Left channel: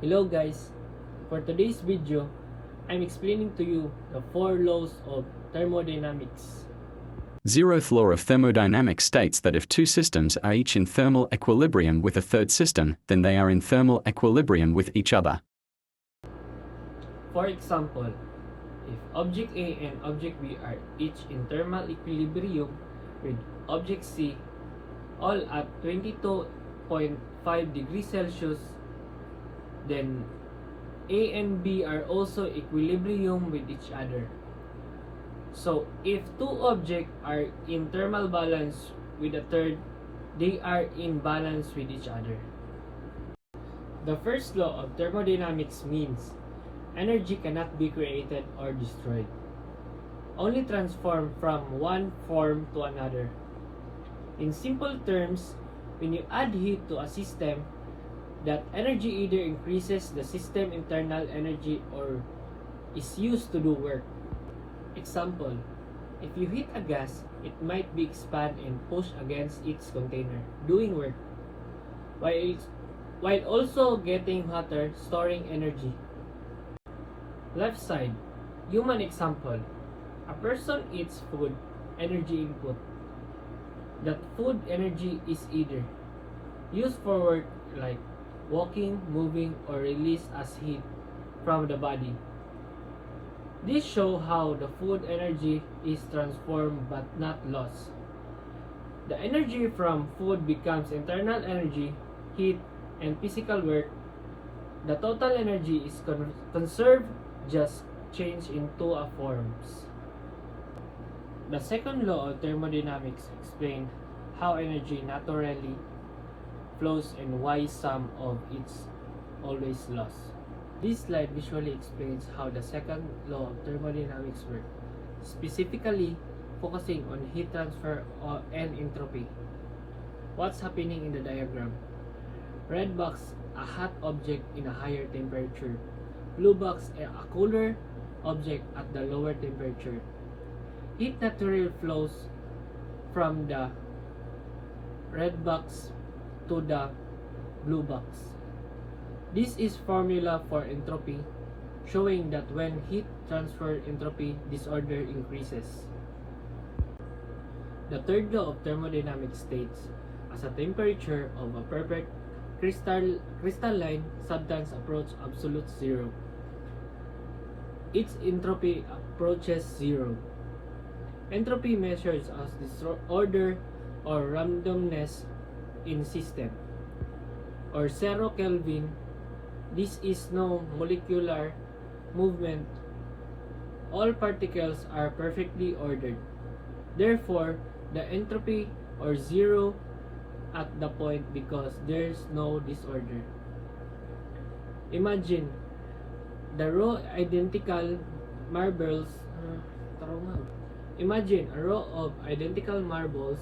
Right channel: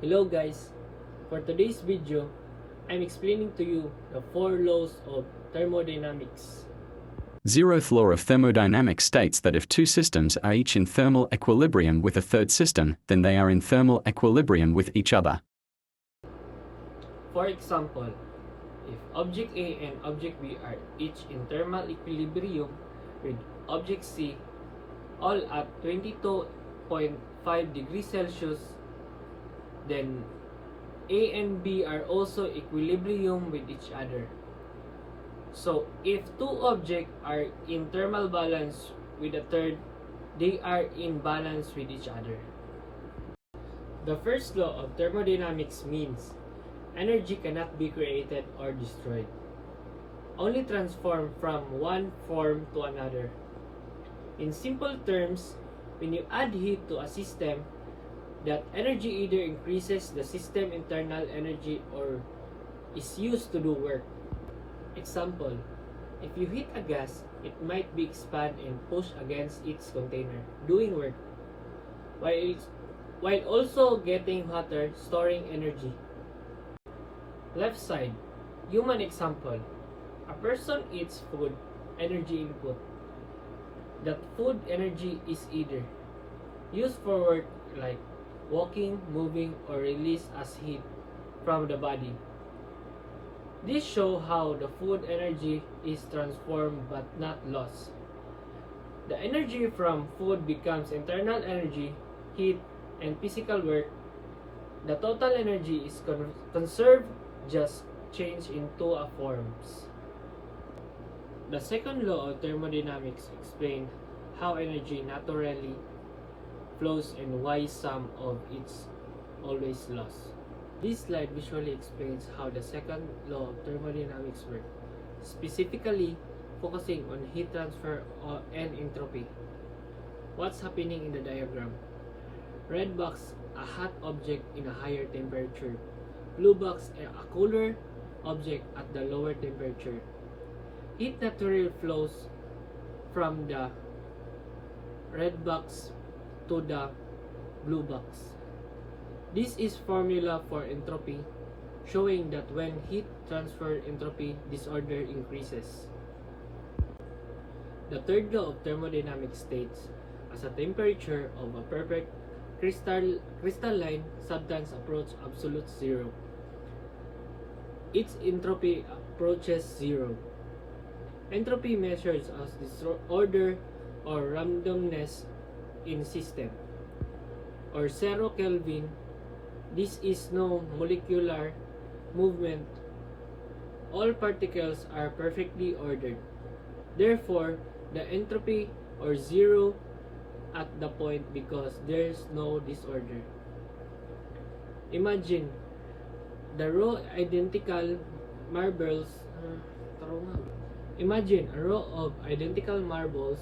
Hello guys, for today's video, I'm explaining to you the 4 laws of thermodynamics. Zeroth law of thermodynamics states that if two systems are each in thermal equilibrium with a third system, then they are in thermal equilibrium with each other. For example, if object A and object B are each in thermal equilibrium with object C, all at 22.5 degrees Celsius, then A and B are also equilibrium with each other. So, if two objects are in thermal balance with a third, they are in balance with each other. The first law of thermodynamics means energy cannot be created or destroyed, only transformed from one form to another. In simple terms, when you add heat to a system, that energy either increases the system internal energy or is used to do work. Example, if you heat a gas, it might be expand and push against its container, doing work, while also getting hotter, storing energy. Left side, human example. A person eats food, energy input. That food energy is either used for work like walking, moving, or released as heat from the body. This shows how the food energy is transformed but not lost. The energy from food becomes internal energy, heat, and physical work. The total energy is conserved, just changed into a forms. The second law of thermodynamics explains how energy naturally flows and why some of it's always lost. This slide visually explains how the second law of thermodynamics works, specifically focusing on heat transfer and entropy. What's happening in the diagram? Red box, a hot object in a higher temperature. Blue box, a cooler object at the lower temperature. Heat naturally flows from the red box to the blue box. This is formula for entropy, showing that when heat transfer entropy disorder increases. The third law of thermodynamics states, as a temperature of a perfect crystalline substance approaches absolute zero, its entropy approaches zero. Entropy measures as disorder or randomness in system, or 0 Kelvin. This is no molecular movement. All particles are perfectly ordered. Therefore, the entropy or zero at the point because there is no disorder. Imagine the row identical marbles. Imagine a row of identical marbles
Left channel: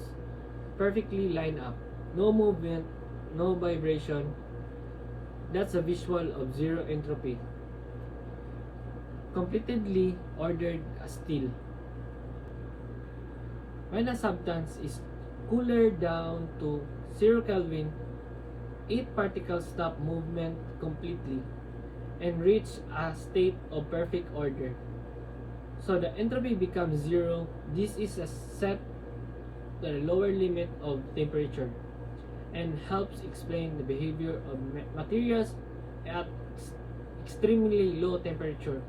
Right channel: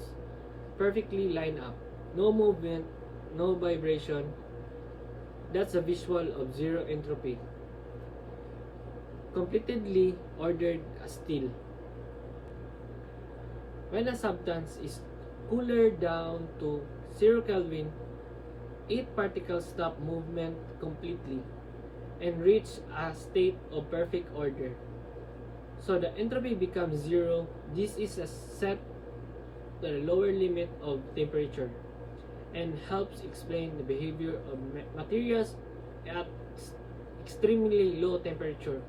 perfectly lined up. No movement, no vibration. That's a visual of zero entropy. Completely ordered still. When a substance is cooled down to 0 Kelvin, 8 particles stop movement completely and reach a state of perfect order. So the entropy becomes zero. This is a set to the lower limit of temperature and helps explain the behavior of materials at extremely low temperature.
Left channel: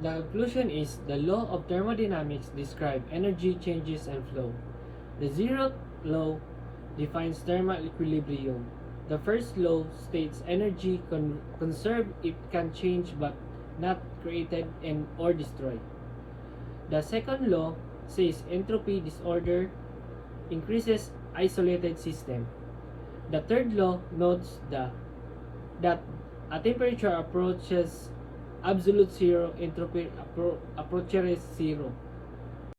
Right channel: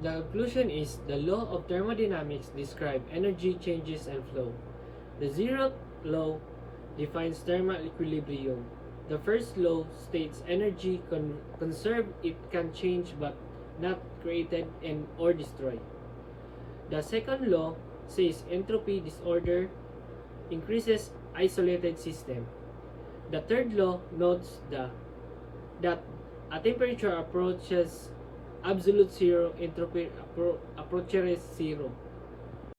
The conclusion is the law of thermodynamics describes energy changes and flow. The zeroth law defines thermal equilibrium. The first law states energy conserved, it can change but not created and or destroyed. The second law says entropy disorder increases isolated system. The third law notes that a temperature approaches absolute zero, entropy approaches zero.